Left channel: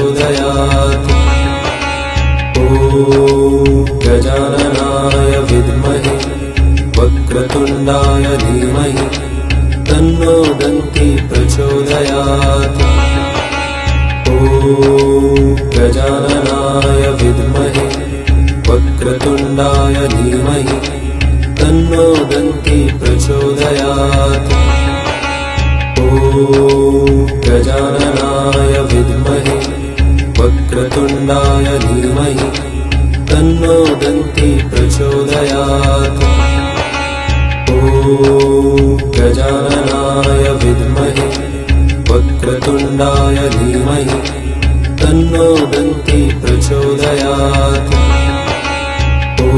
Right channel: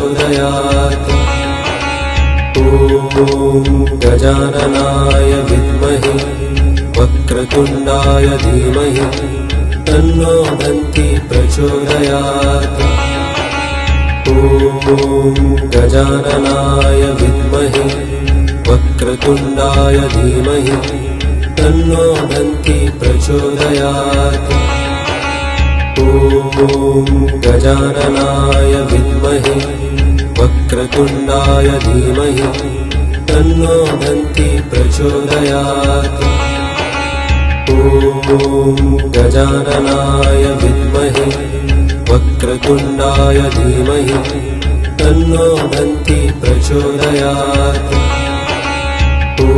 प्रचोदयात्। ॐ गजाननाय विद्महे वक्रतुण्डाय धीमहि तन्नो दन्ती प्रचोदयात्। ॐ गजाननाय विद्महे वक्रतुण्डाय धीमहि तन्नो दन्ती प्रचोदयात्। ॐ गजाननाय विद्महे वक्रतुण्डाय धीमहि तन्नो दन्ती प्रचोदयात्। ॐ गजाननाय विद्महे वक्रतुण्डाय धीमहि तन्नो दन्ती प्रचोदयात्। ॐ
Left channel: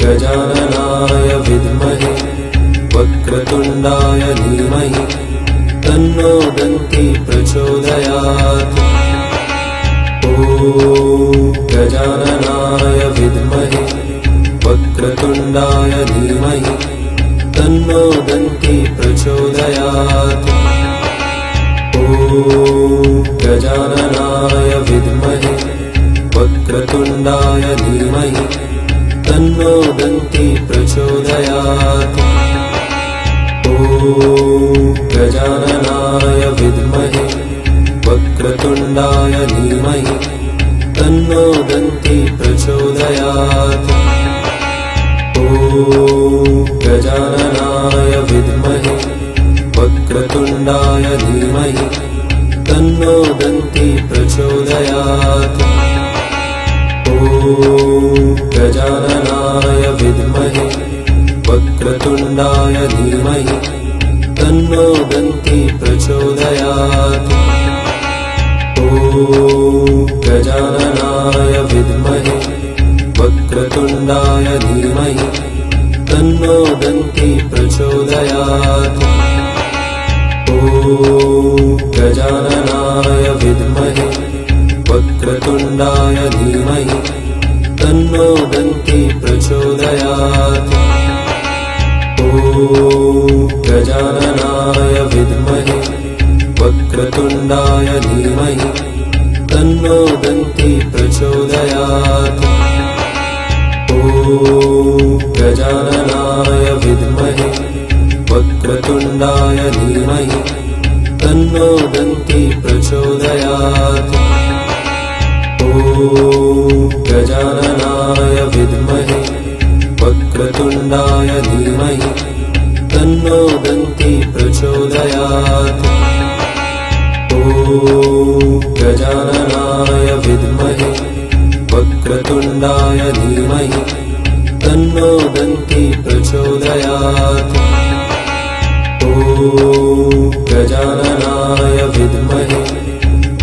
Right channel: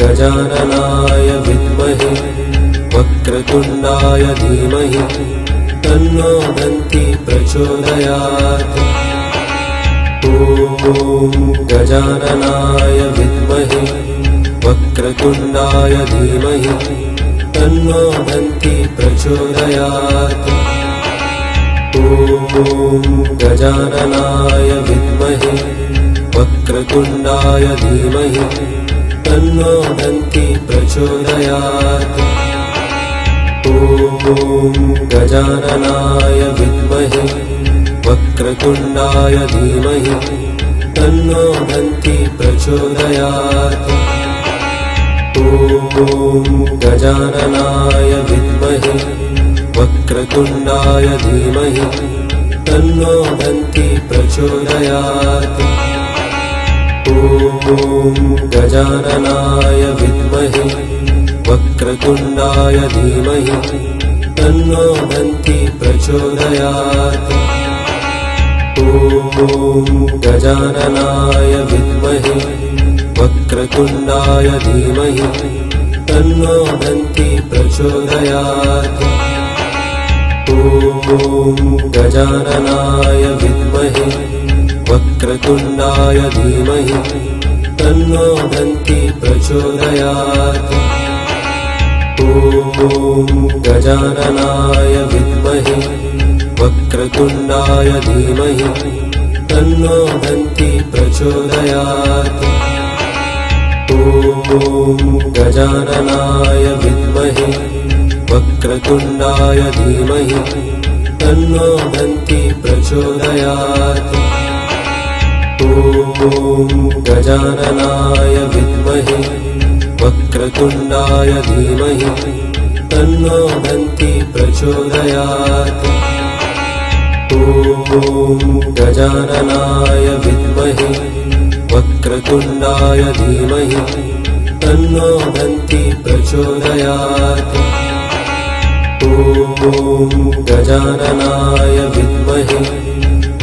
गजाननाय विद्महे वक्रतुण्डाय धीमहि तन्नो दन्ती प्रचोदयात्। ॐ गजाननाय विद्महे वक्रतुण्डाय धीमहि तन्नो दन्ती प्रचोदयात्। ॐ गजाननाय विद्महे वक्रतुण्डाय धीमहि तन्नो दन्ती प्रचोदयात्। ॐ गजाननाय विद्महे वक्रतुण्डाय धीमहि तन्नो दन्ती प्रचोदयात्। ॐ गजाननाय विद्महे वक्रतुण्डाय धीमहि तन्नो दन्ती प्रचोदयात्। ॐ गजाननाय विद्महे वक्रतुण्डाय धीमहि तन्नो दन्ती प्रचोदयात्। ॐ गजाननाय विद्महे वक्रतुण्डाय धीमहि तन्नो दन्ती प्रचोदयात्। ॐ गजाननाय विद्महे वक्रतुण्डाय धीमहि तन्नो दन्ती प्रचोदयात्। ॐ गजाननाय विद्महे वक्रतुण्डाय धीमहि तन्नो दन्ती प्रचोदयात्। ॐ गजाननाय विद्महे वक्रतुण्डाय धीमहि तन्नो दन्ती प्रचोदयात्। ॐ गजाननाय विद्महे वक्रतुण्डाय धीमहि तन्नो दन्ती प्रचोदयात्। ॐ गजाननाय विद्महे वक्रतुण्डाय धीमहि तन्नो दन्ती प्रचोदयात्। ॐ गजाननाय विद्महे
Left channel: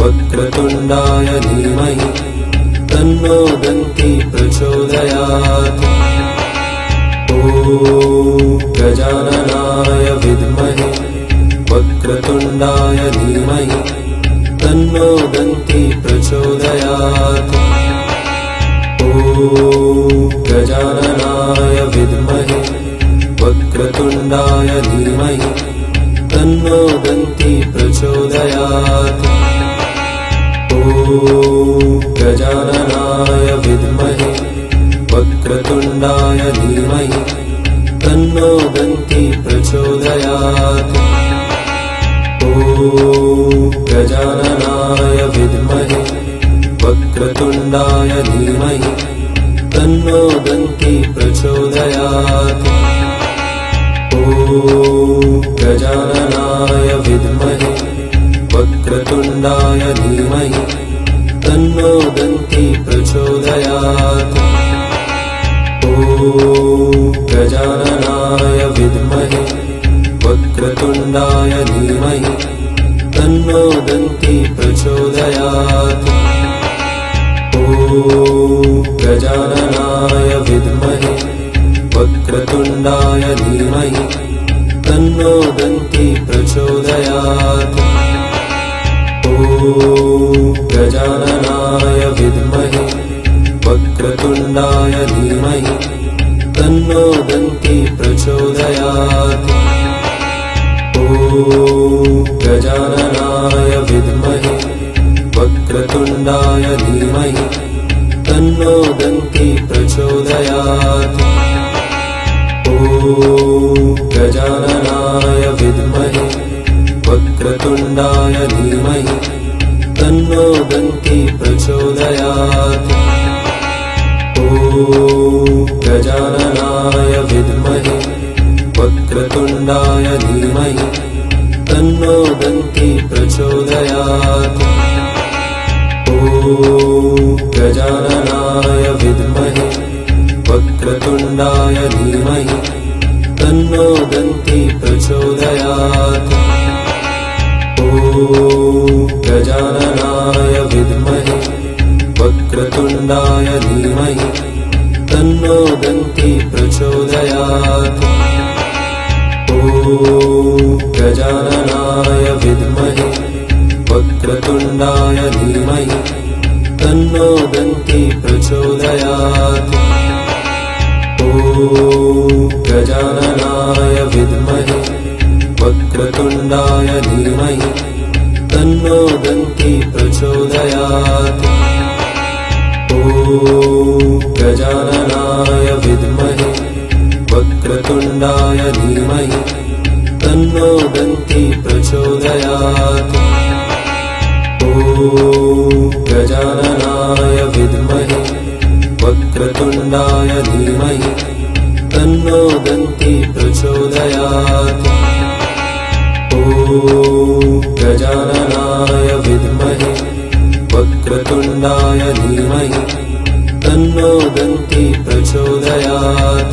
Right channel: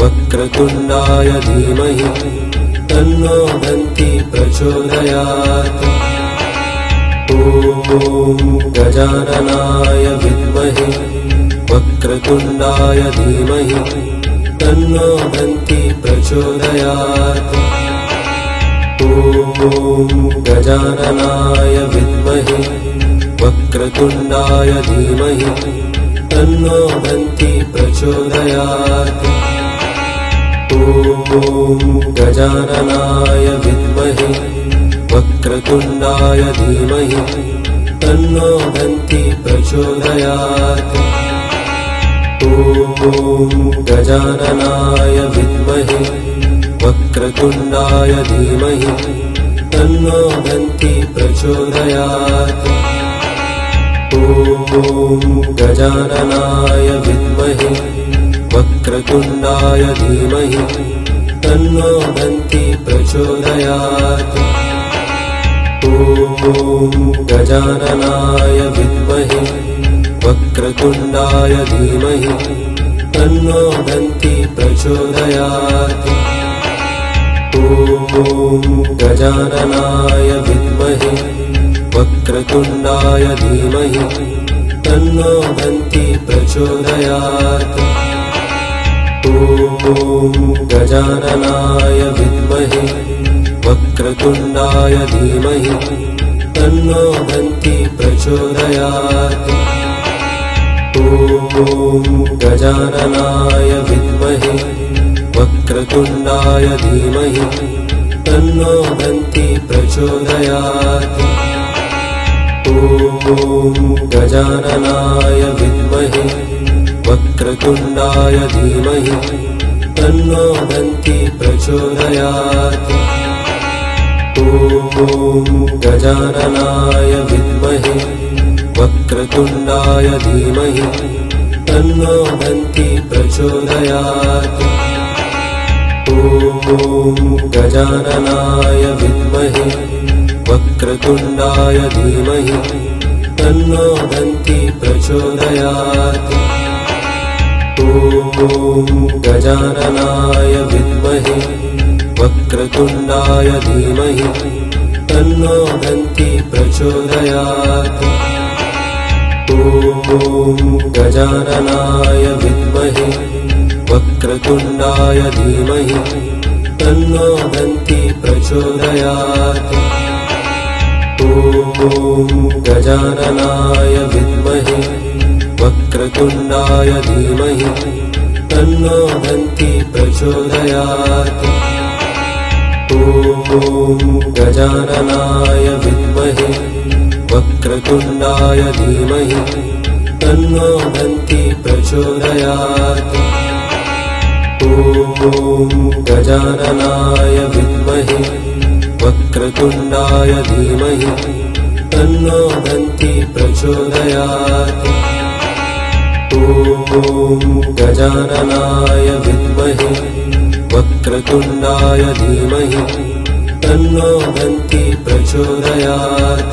वक्रतुण्डाय धीमहि तन्नो दन्ती प्रचोदयात्। ॐ गजाननाय विद्महे वक्रतुण्डाय धीमहि तन्नो दन्ती प्रचोदयात्। ॐ गजाननाय विद्महे वक्रतुण्डाय धीमहि तन्नो दन्ती प्रचोदयात्। ॐ गजाननाय विद्महे वक्रतुण्डाय धीमहि तन्नो दन्ती प्रचोदयात्। ॐ गजाननाय विद्महे वक्रतुण्डाय धीमहि तन्नो दन्ती प्रचोदयात्। ॐ गजाननाय विद्महे वक्रतुण्डाय धीमहि तन्नो दन्ती प्रचोदयात्। ॐ गजाननाय विद्महे वक्रतुण्डाय धीमहि तन्नो दन्ती प्रचोदयात्। ॐ गजाननाय विद्महे वक्रतुण्डाय धीमहि तन्नो दन्ती प्रचोदयात्। ॐ गजाननाय विद्महे वक्रतुण्डाय धीमहि तन्नो दन्ती प्रचोदयात्। ॐ गजाननाय विद्महे वक्रतुण्डाय तन्नो दन्ती प्रचोदयात्। ॐ गजाननाय विद्महे वक्रतुण्डाय धीमहि तन्नो दन्ती प्रचोदयात्। ॐ गजाननाय विद्महे वक्रतुण्डाय धीमहि तन्नो दन्ती प्रचोदयात्। ॐ गजाननाय विद्महे वक्रतुण्डाय धीमहि तन्नो दन्ती प्रचोदयात्। ॐ गजाननाय विद्महे वक्रतुण्डाय धीमहि तन्नो दन्ती प्रचोदयात्। ॐ गजाननाय विद्महे वक्रतुण्डाय धीमहि तन्नो दन्ती प्रचोदयात्। ॐ गजाननाय विद्महे वक्रतुण्डाय धीमहि तन्नो दन्ती प्रचोदयात्। ॐ गजाननाय विद्महे वक्रतुण्डाय धीमहि तन्नो दन्ती प्रचोदयात्। ॐ गजाननाय विद्महे वक्रतुण्डाय धीमहि तन्नो दन्ती प्रचोदयात्।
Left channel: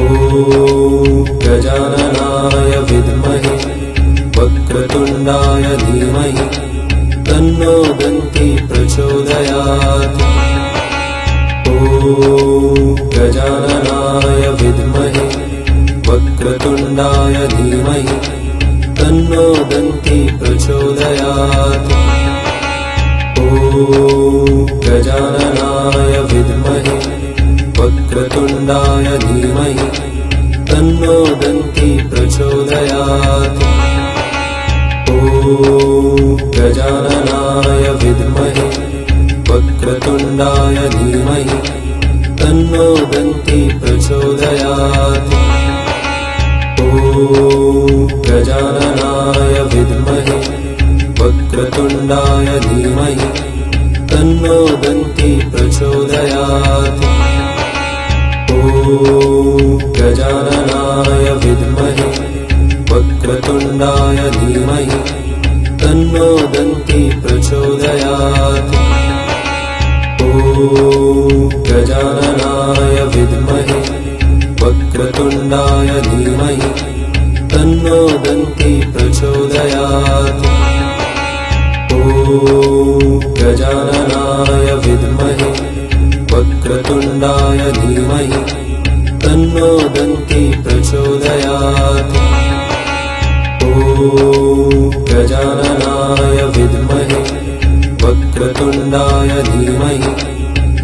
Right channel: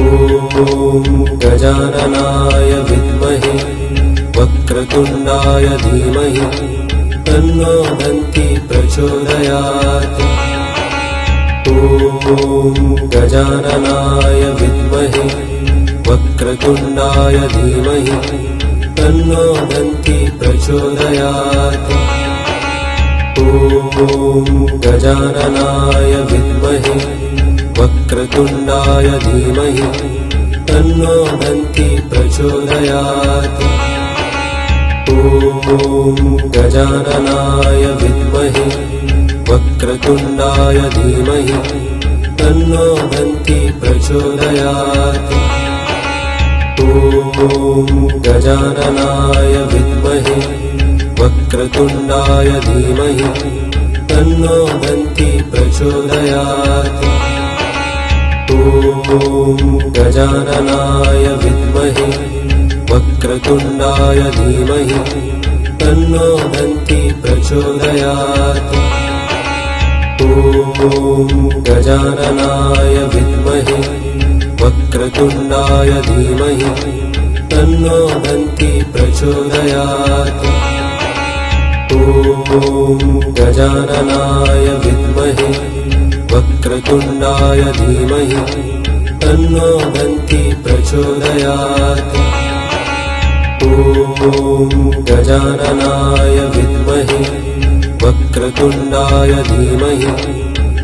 ॐ गजाननाय विद्महे वक्रतुण्डाय धीमहि तन्नो दन्ती प्रचोदयात्। ॐ गजाननाय विद्महे वक्रतुण्डाय धीमहि तन्नो दन्ती प्रचोदयात्। ॐ गजाननाय विद्महे वक्रतुण्डाय धीमहि तन्नो दन्ती प्रचोदयात्। ॐ गजाननाय विद्महे वक्रतुण्डाय धीमहि तन्नो दन्ती प्रचोदयात्। ॐ गजाननाय विद्महे वक्रतुण्डाय धीमहि तन्नो दन्ती प्रचोदयात्। ॐ गजाननाय विद्महे वक्रतुण्डाय धीमहि तन्नो दन्ती प्रचोदयात्। ॐ गजाननाय विद्महे वक्रतुण्डाय धीमहि तन्नो दन्ती प्रचोदयात्। ॐ गजाननाय विद्महे वक्रतुण्डाय धीमहि तन्नो दन्ती प्रचोदयात्। ॐ गजाननाय विद्महे वक्रतुण्डाय धीमहि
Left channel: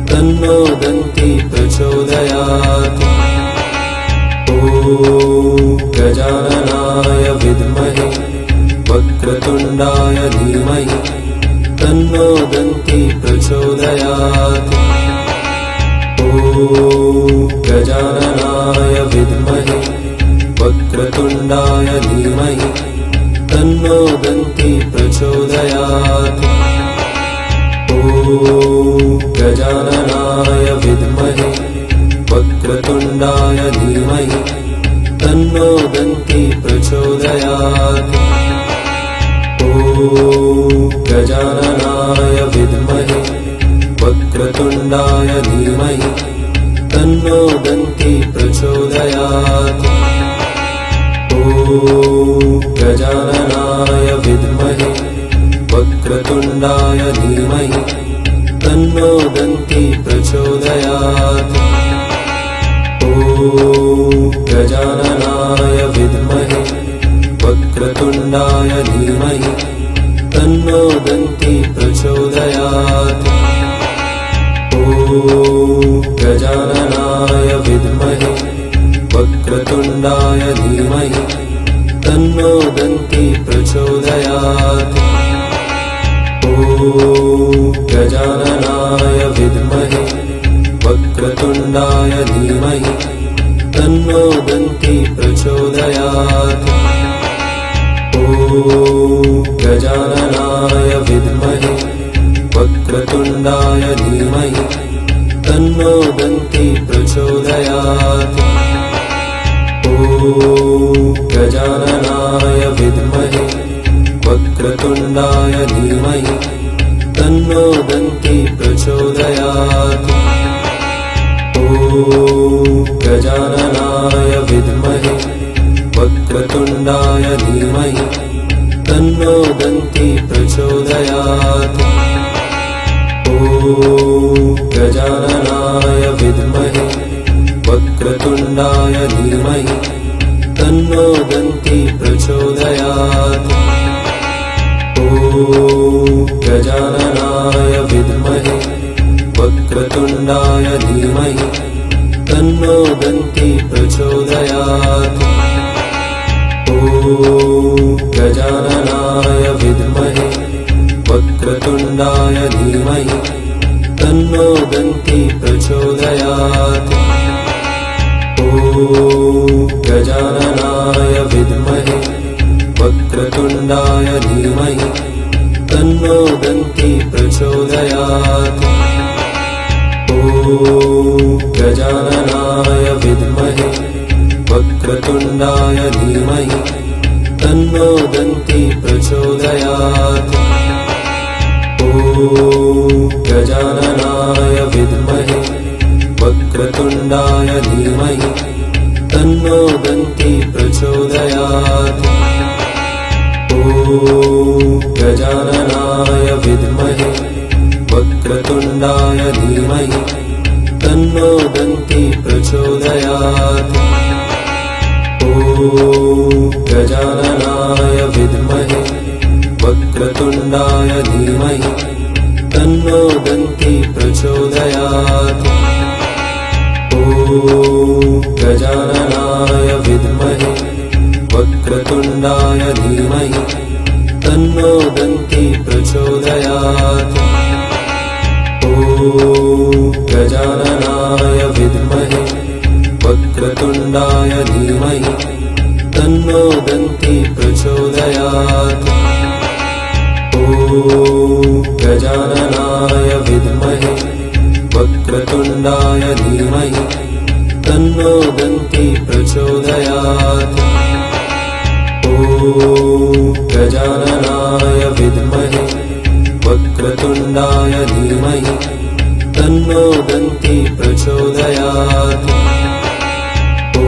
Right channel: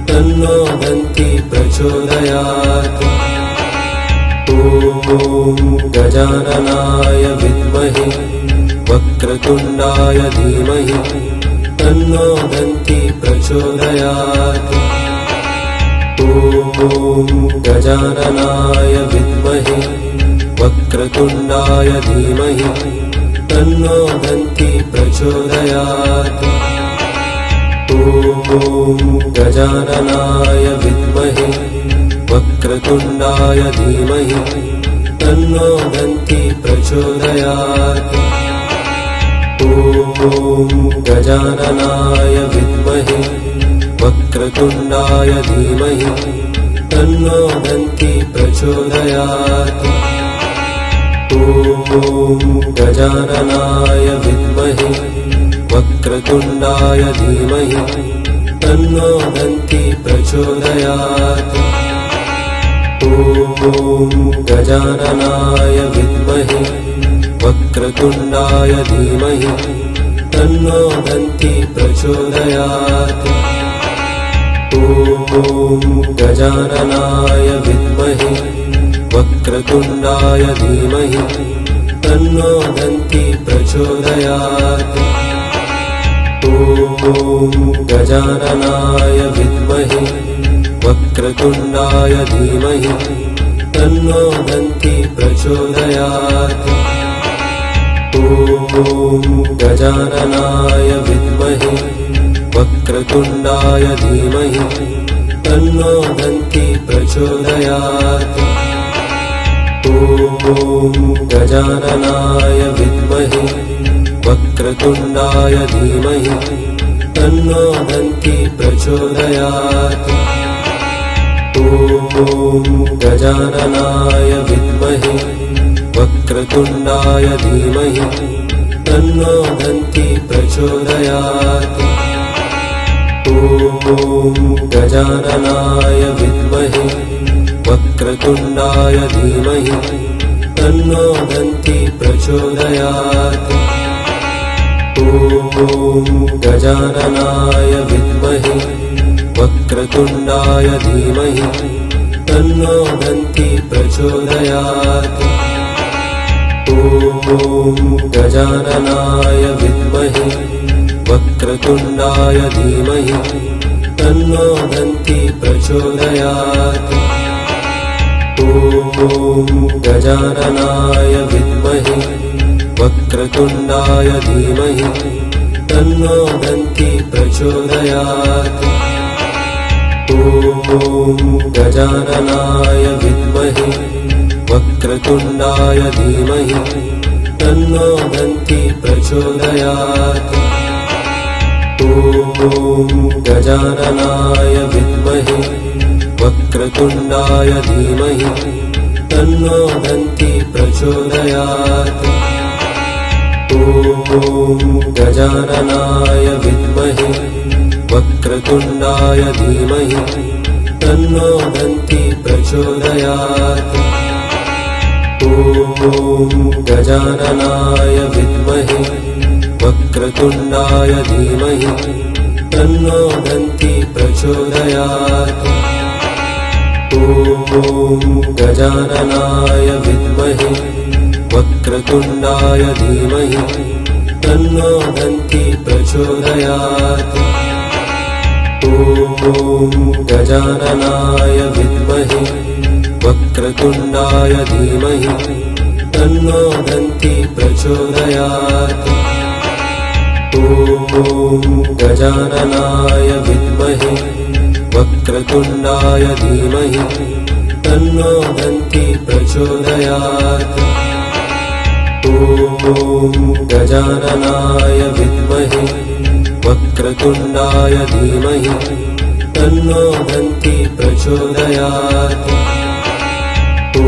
तन्नो दन्ती प्रचोदयात्। ॐ गजाननाय विद्महे वक्रतुण्डाय धीमहि तन्नो दन्ती प्रचोदयात्। ॐ गजाननाय विद्महे वक्रतुण्डाय धीमहि तन्नो दन्ती प्रचोदयात्। ॐ गजाननाय विद्महे वक्रतुण्डाय धीमहि तन्नो दन्ती प्रचोदयात्। ॐ गजाननाय विद्महे वक्रतुण्डाय धीमहि तन्नो दन्ती प्रचोदयात्। ॐ गजाननाय विद्महे वक्रतुण्डाय धीमहि तन्नो दन्ती प्रचोदयात्। ॐ गजाननाय विद्महे वक्रतुण्डाय धीमहि तन्नो दन्ती प्रचोदयात्। ॐ गजाननाय विद्महे वक्रतुण्डाय धीमहि तन्नो दन्ती प्रचोदयात्। ॐ गजाननाय विद्महे वक्रतुण्डाय धीमहि तन्नो दन्ती प्रचोदयात्। ॐ गजाननाय विद्महे प्रचोदयात्। ॐ गजाननाय विद्महे वक्रतुण्डाय धीमहि तन्नो दन्ती प्रचोदयात्। ॐ गजाननाय विद्महे वक्रतुण्डाय धीमहि तन्नो दन्ती प्रचोदयात्। ॐ गजाननाय विद्महे वक्रतुण्डाय धीमहि तन्नो दन्ती प्रचोदयात्। ॐ गजाननाय विद्महे वक्रतुण्डाय धीमहि तन्नो दन्ती प्रचोदयात्। ॐ गजाननाय विद्महे वक्रतुण्डाय धीमहि तन्नो दन्ती प्रचोदयात्। ॐ गजाननाय विद्महे वक्रतुण्डाय धीमहि तन्नो दन्ती प्रचोदयात्। ॐ गजाननाय विद्महे वक्रतुण्डाय धीमहि तन्नो दन्ती प्रचोदयात्। ॐ गजाननाय विद्महे वक्रतुण्डाय धीमहि तन्नो दन्ती प्रचोदयात्। ॐ गजाननाय विद्महे वक्रतुण्डाय धीमहि तन्नो दन्ती प्रचोदयात्। ॐ गजाननाय विद्महे वक्रतुण्डाय धीमहि तन्नो दन्ती प्रचोदयात्। ॐ गजाननाय विद्महे वक्रतुण्डाय धीमहि तन्नो दन्ती प्रचोदयात्। ॐ गजाननाय विद्महे वक्रतुण्डाय धीमहि तन्नो दन्ती प्रचोदयात्। ॐ गजाननाय विद्महे वक्रतुण्डाय धीमहि तन्नो दन्ती प्रचोदयात्। ॐ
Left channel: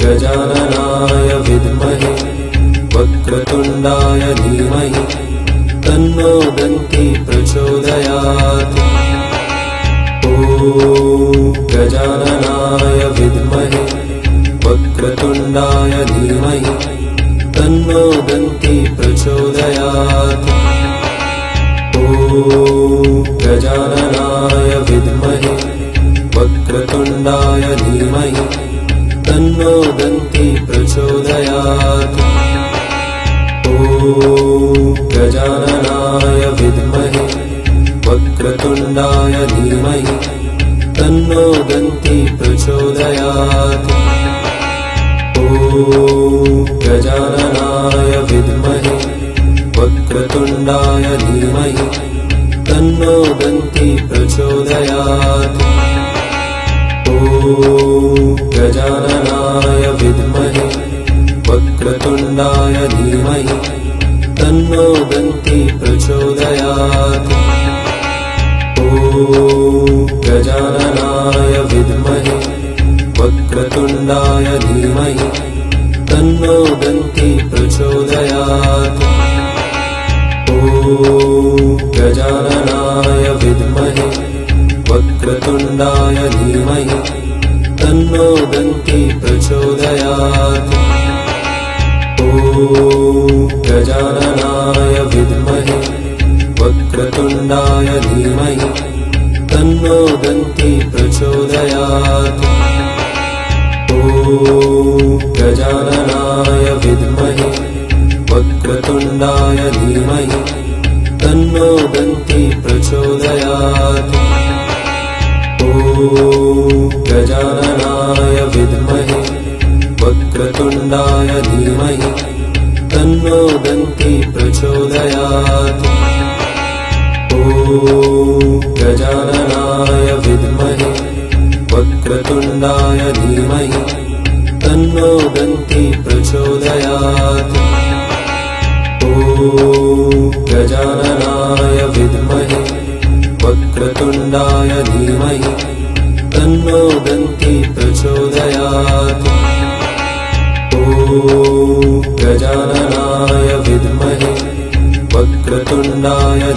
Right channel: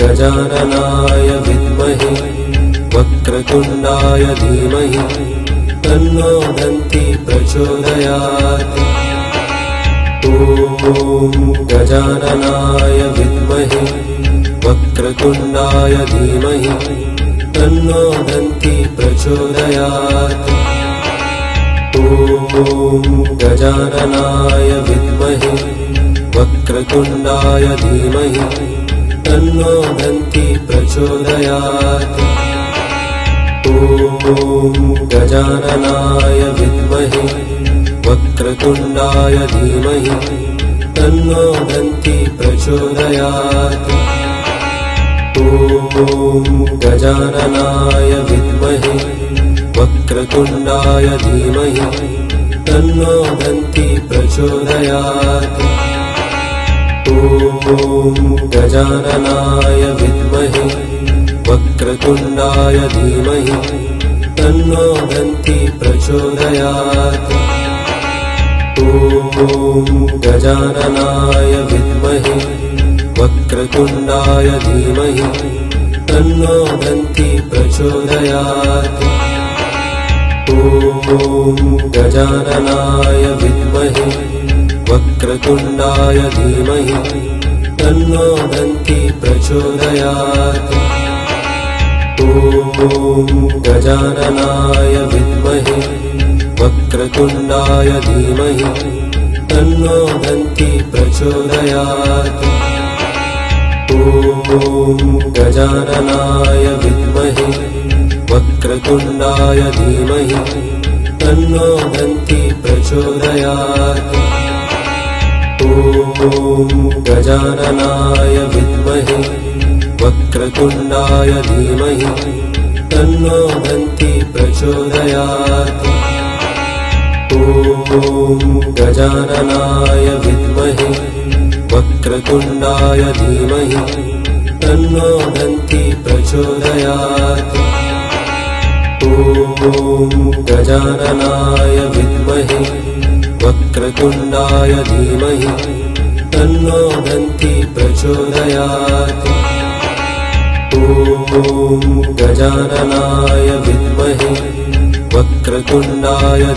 गजाननाय विद्महे वक्रतुण्डाय धीमहि तन्नो दन्ती प्रचोदयात्। ॐ गजाननाय विद्महे वक्रतुण्डाय धीमहि तन्नो दन्ती प्रचोदयात्। ॐ गजाननाय विद्महे वक्रतुण्डाय धीमहि तन्नो दन्ती प्रचोदयात्। ॐ गजाननाय विद्महे वक्रतुण्डाय धीमहि तन्नो दन्ती प्रचोदयात्। ॐ गजाननाय विद्महे वक्रतुण्डाय धीमहि तन्नो दन्ती प्रचोदयात्। ॐ गजाननाय विद्महे वक्रतुण्डाय धीमहि तन्नो दन्ती प्रचोदयात्। ॐ गजाननाय विद्महे वक्रतुण्डाय धीमहि तन्नो दन्ती प्रचोदयात्। ॐ गजाननाय विद्महे वक्रतुण्डाय धीमहि तन्नो दन्ती प्रचोदयात्। ॐ गजाननाय विद्महे वक्रतुण्डाय धीमहि तन्नो दन्ती प्रचोदयात्। ॐ गजाननाय विद्महे वक्रतुण्डाय धीमहि तन्नो दन्ती प्रचोदयात्। ॐ गजाननाय विद्महे वक्रतुण्डाय धीमहि तन्नो दन्ती प्रचोदयात्। ॐ गजाननाय विद्महे वक्रतुण्डाय धीमहि तन्नो दन्ती प्रचोदयात्। ॐ गजाननाय विद्महे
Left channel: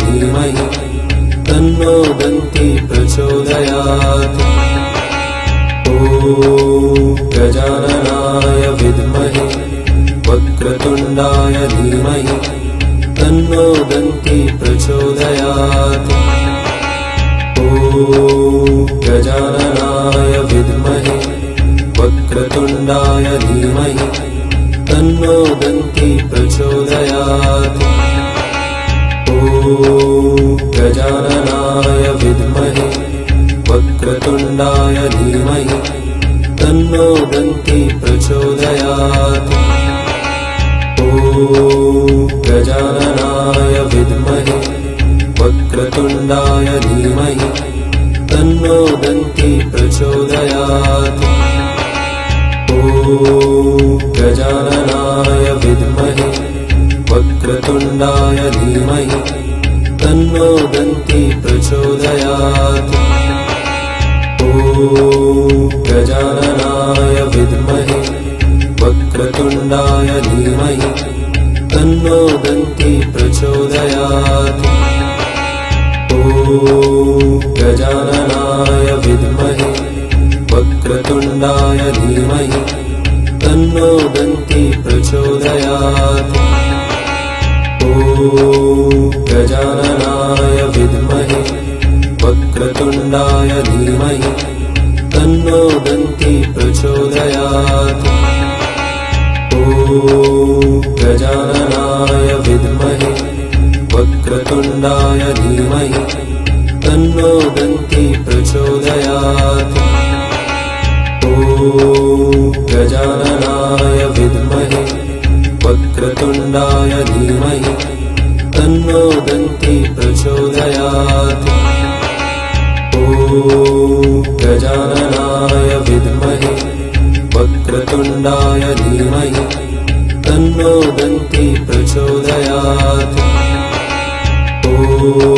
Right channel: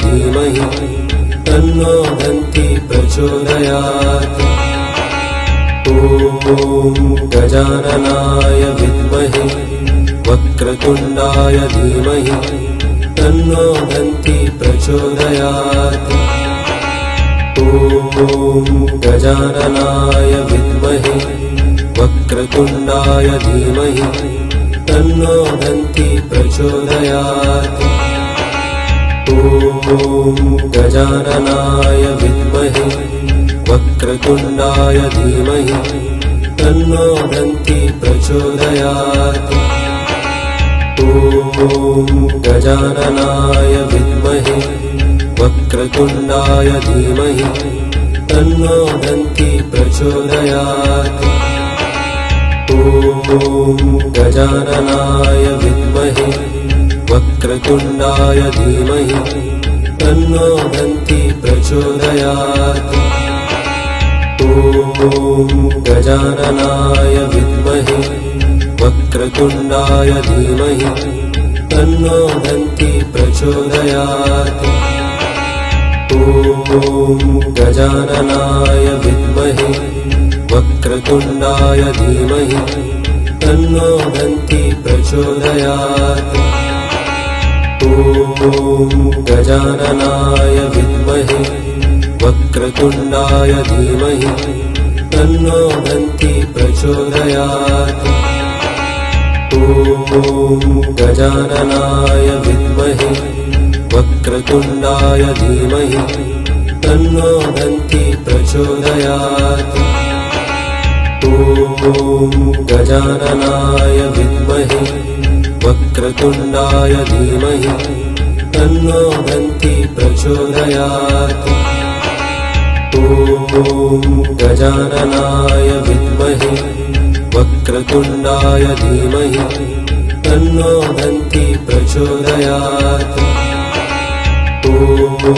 धीमहि तन्नो दन्ती प्रचोदयात्। ॐ गजाननाय विद्महे वक्रतुण्डाय धीमहि तन्नो दन्ती प्रचोदयात्। ॐ गजाननाय विद्महे वक्रतुण्डाय धीमहि तन्नो दन्ती प्रचोदयात्। ॐ गजाननाय विद्महे वक्रतुण्डाय धीमहि तन्नो दन्ती प्रचोदयात्। ॐ गजाननाय विद्महे वक्रतुण्डाय धीमहि तन्नो दन्ती प्रचोदयात्। ॐ गजाननाय विद्महे वक्रतुण्डाय धीमहि तन्नो दन्ती प्रचोदयात्। ॐ गजाननाय विद्महे वक्रतुण्डाय धीमहि तन्नो दन्ती प्रचोदयात्। ॐ गजाननाय विद्महे वक्रतुण्डाय धीमहि तन्नो दन्ती प्रचोदयात्। ॐ गजाननाय विद्महे वक्रतुण्डाय धीमहि तन्नो दन्ती प्रचोदयात्। ॐ गजाननाय विद्महे वक्रतुण्डाय धीमहि तन्नो दन्ती प्रचोदयात्। ॐ गजाननाय विद्महे वक्रतुण्डाय धीमहि तन्नो दन्ती प्रचोदयात्। ॐ गजाननाय विद्महे वक्रतुण्डाय धीमहि तन्नो दन्ती प्रचोदयात्। ॐ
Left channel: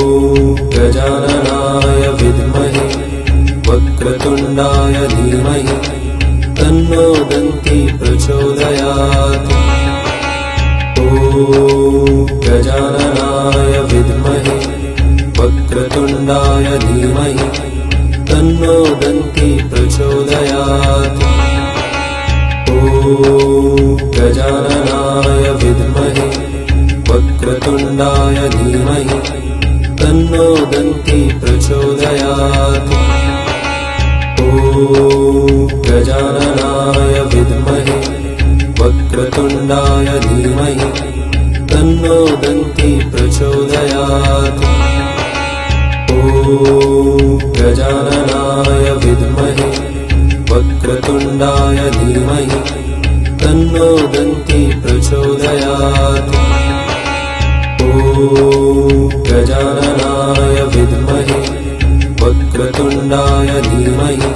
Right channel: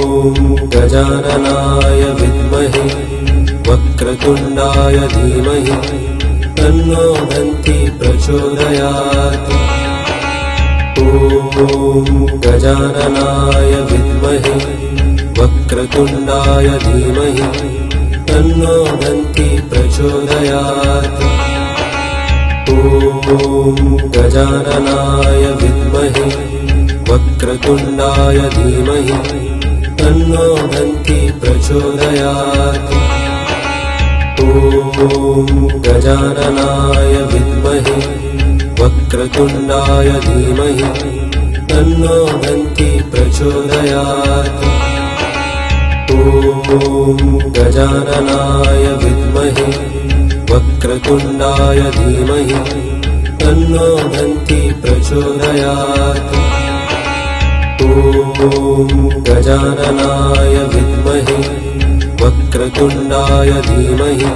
गजाननाय विद्महे वक्रतुण्डाय धीमहि तन्नो दन्ती प्रचोदयात्। ॐ गजाननाय विद्महे वक्रतुण्डाय धीमहि तन्नो दन्ती प्रचोदयात्। ॐ गजाननाय विद्महे वक्रतुण्डाय धीमहि तन्नो दन्ती प्रचोदयात्। ॐ गजाननाय विद्महे वक्रतुण्डाय धीमहि तन्नो दन्ती प्रचोदयात्। ॐ गजाननाय विद्महे वक्रतुण्डाय धीमहि तन्नो दन्ती प्रचोदयात्। ॐ गजाननाय विद्महे वक्रतुण्डाय धीमहि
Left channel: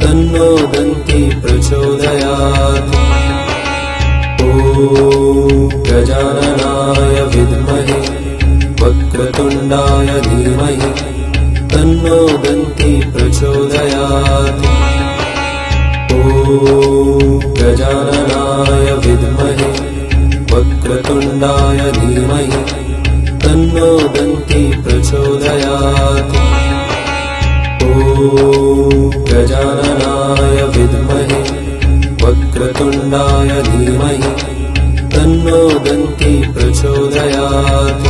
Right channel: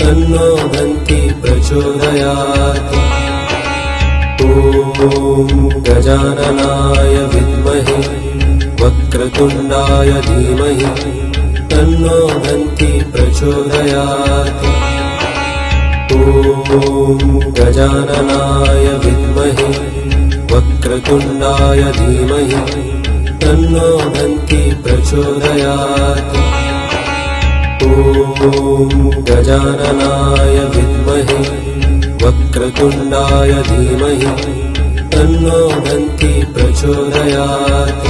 तन्नो दन्ती प्रचोदयात्। ॐ गजाननाय विद्महे वक्रतुण्डाय धीमहि तन्नो दन्ती प्रचोदयात्। ॐ गजाननाय विद्महे वक्रतुण्डाय धीमहि तन्नो दन्ती प्रचोदयात्। ॐ गजाननाय विद्महे वक्रतुण्डाय धीमहि तन्नो दन्ती प्रचोदयात्।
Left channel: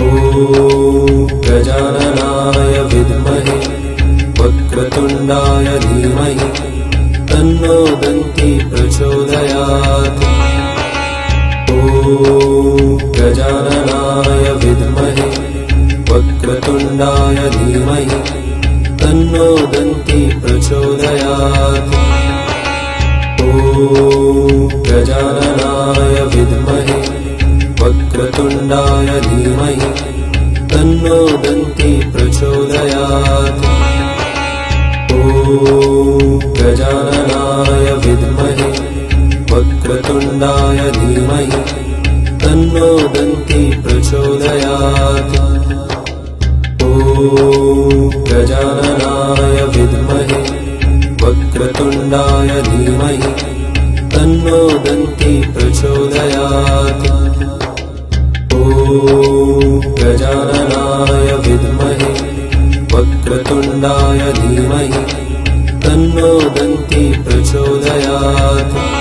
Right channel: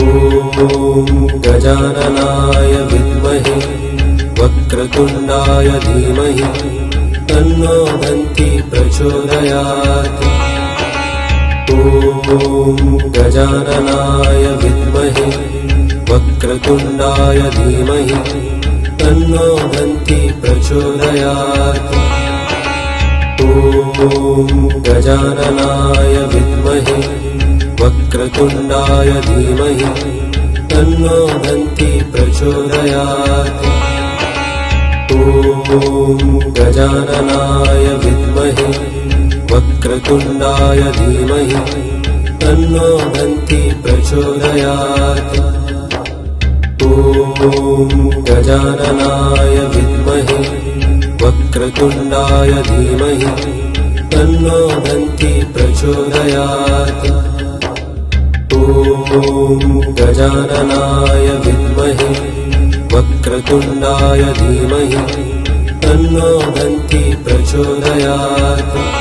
ॐ गजाननाय विद्महे वक्रतुण्डाय धीमहि तन्नो दन्ती प्रचोदयात्। ॐ गजाननाय विद्महे वक्रतुण्डाय धीमहि तन्नो दन्ती प्रचोदयात्। ॐ गजाननाय विद्महे वक्रतुण्डाय धीमहि तन्नो दन्ती प्रचोदयात्। ॐ गजाननाय विद्महे वक्रतुण्डाय धीमहि तन्नो दन्ती प्रचोदयात्। ॐ गजाननाय विद्महे वक्रतुण्डाय धीमहि तन्नो दन्ती प्रचोदयात्। ॐ गजाननाय विद्महे वक्रतुण्डाय धीमहि तन्नो दन्ती प्रचोदयात्।